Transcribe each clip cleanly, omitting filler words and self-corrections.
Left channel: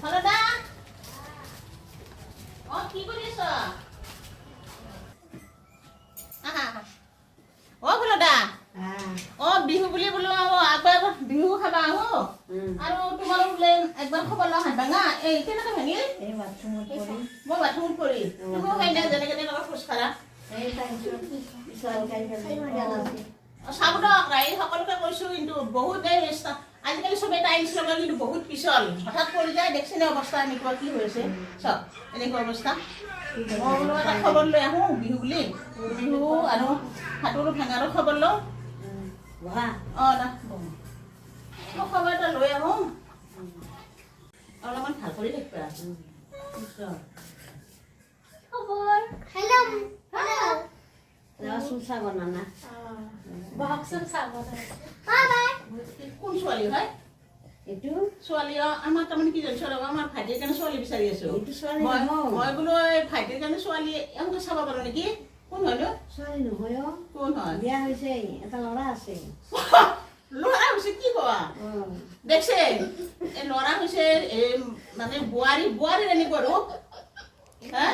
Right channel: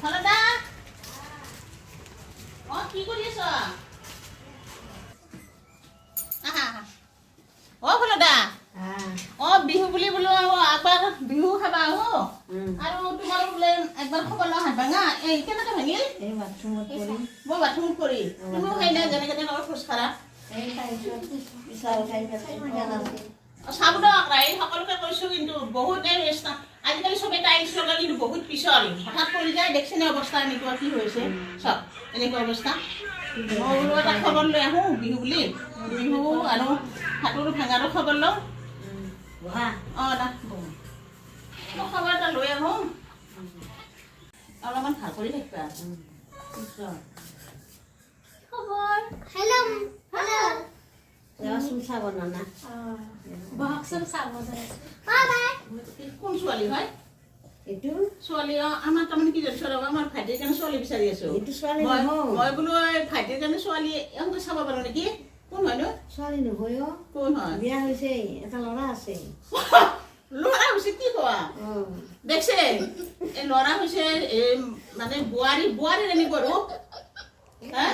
Hello, Da. Oh, কি কৰি আছ? আহা আহা। অ হলো দা। অ বিহু বুলি বোলো আবার বিহু খাবা আহো। আৰু তোমাৰ বোলে একবাৰ খবৰ লওঁ হাত ভাঙা। এই কেনেকে ভাঙিল? এই বাথৰুমত পৰি। মই বাথৰুমত পৰি। তুমি খাই না যেনেকে তেনেকে খোজ কাঢ়া। এই খাইছো। বিশাল খাই পেলাই। চাব দক ৰাই সকলোকে কৈছো কিন্তু বহুত আজিকালি চবে টাইলছ লগাই কিন্তু বহুত পিছল হঠাৎ পৰি যায় দেখছেনে অৱস্থা এনেকুৱা কি হৈছে চব এনেকুৱা অৱস্থা মই বোলো এটা খবৰ লৈ আহোঁ বিহু বুলি বিহু আৰু হাতৰো ভাঙাৰো খবৰ লওঁ বহা অঁ না খবৰ এটা লৈ আহোঁ অলপমান ভাল কৰি থাকিবা খবৰ হেল্ল' হেল্ল' যাবাচোন চাব নানা বহকচোন চাব কোন ছোৱালী হয় এইটো ছোৱালী আমাৰ তাৰমানে কি জানিছ আমাৰ ভাইটিৰ কাৰণে ছোৱালী বিচাৰি আছো এইটো ছোৱালী মই নহয় বোলো ভাইটিৰ কাৰণে ছোৱালী এনেকৈ চাব পাৰো নেকি কোন হয় নো ছোৱালী নহয় অ কোন হয় বিয়া হৈছে এটা ল'ৰা আছে ল'ৰা হৈছে কি কোৱা দেখছে এই ল'ৰা হৈছে মানে বোৱাৰী এনেকুৱা ৰূপ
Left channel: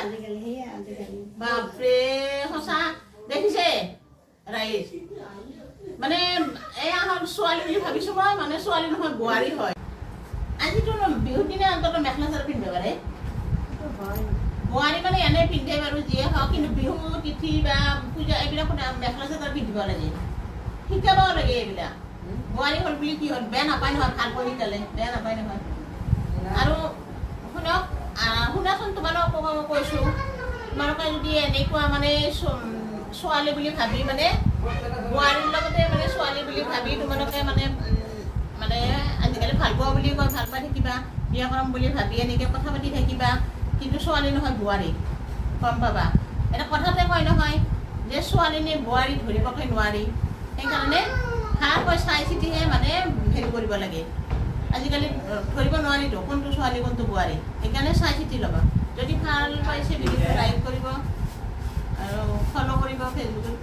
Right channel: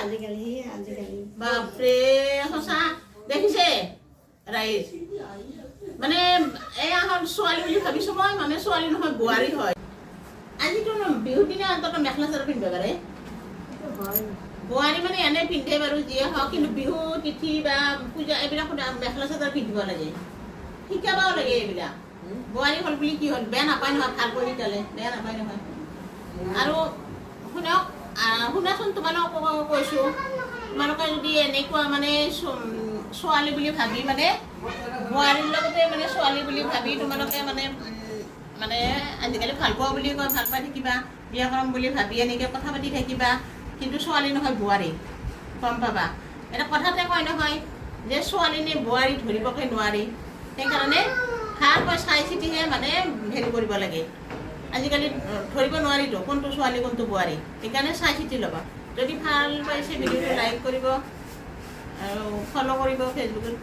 আজিকালি সেয়া আজিকালি বাপৰে সঁচা দেখিছে ৰাইজ মানে এয়া হ'ল ছোৱালী বুলি ভাবিছো মই মানে ছোৱালী নহয় বোৱাৰী হয় আজিতো বিহুৰ দিনা অন্তত মেখেলা চাদৰ পিন্ধিব পাৰে বোৱাৰী মানে এনে পিন্ধে বাৰু যিয়ে হওক কিন্তু বিহু তিথি বা পূজা এইবিলাক মেখেলা চাদৰ পিন্ধিব লাগে শিকাবও লাগে এইবিলাক বোৱাৰী হ'ল বুলি কি হ'ল বেয়া নাপায় নহয় ভালকৈ শিকালে বেয়া নাপায় নহয় আৰু শুনক শুনাচোন তোমালোকক কৈছো তোমালোকে যদি এনেকুৱা মানে ছোৱালী বুলি ভাবি মানে বোৱাৰীৰ লগতে মানে ছোৱালী বুলি ভাবি তোমালোকে মানে আজিকালি ভাল পোৱা বুলি কয় ভাল পাই থাকিবা বিয়া কৰাম বুলি ভাবি এনেকৈ কথা পাতি থাকিবা কিন্তু ছোৱালী নহয় বোৱাৰী গম পাবা এটা কথাতে কয় নহয় যে ছোৱালীনে বোৱাৰী ধৰিবকে নোৱাৰি সেইকাৰণে ভালকৈ চাই চিতিহে মানে হেৰি কৰিব লাগে আজিকালি ধৰিব নোৱাৰিতো কোনটো ছোৱালী কোনটো বোৱাৰী সেইকাৰণে চাই চিতি ল'বা যদি ভাল পাইছে ভিডিঅ'টো লাইক কৰিব আৰু ফ'ল' কৰিব ফেচবুকত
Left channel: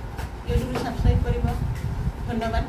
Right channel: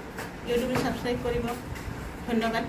ইউটিউবত ছাবস্ক্ৰাইব কৰিব ধন্যবাদ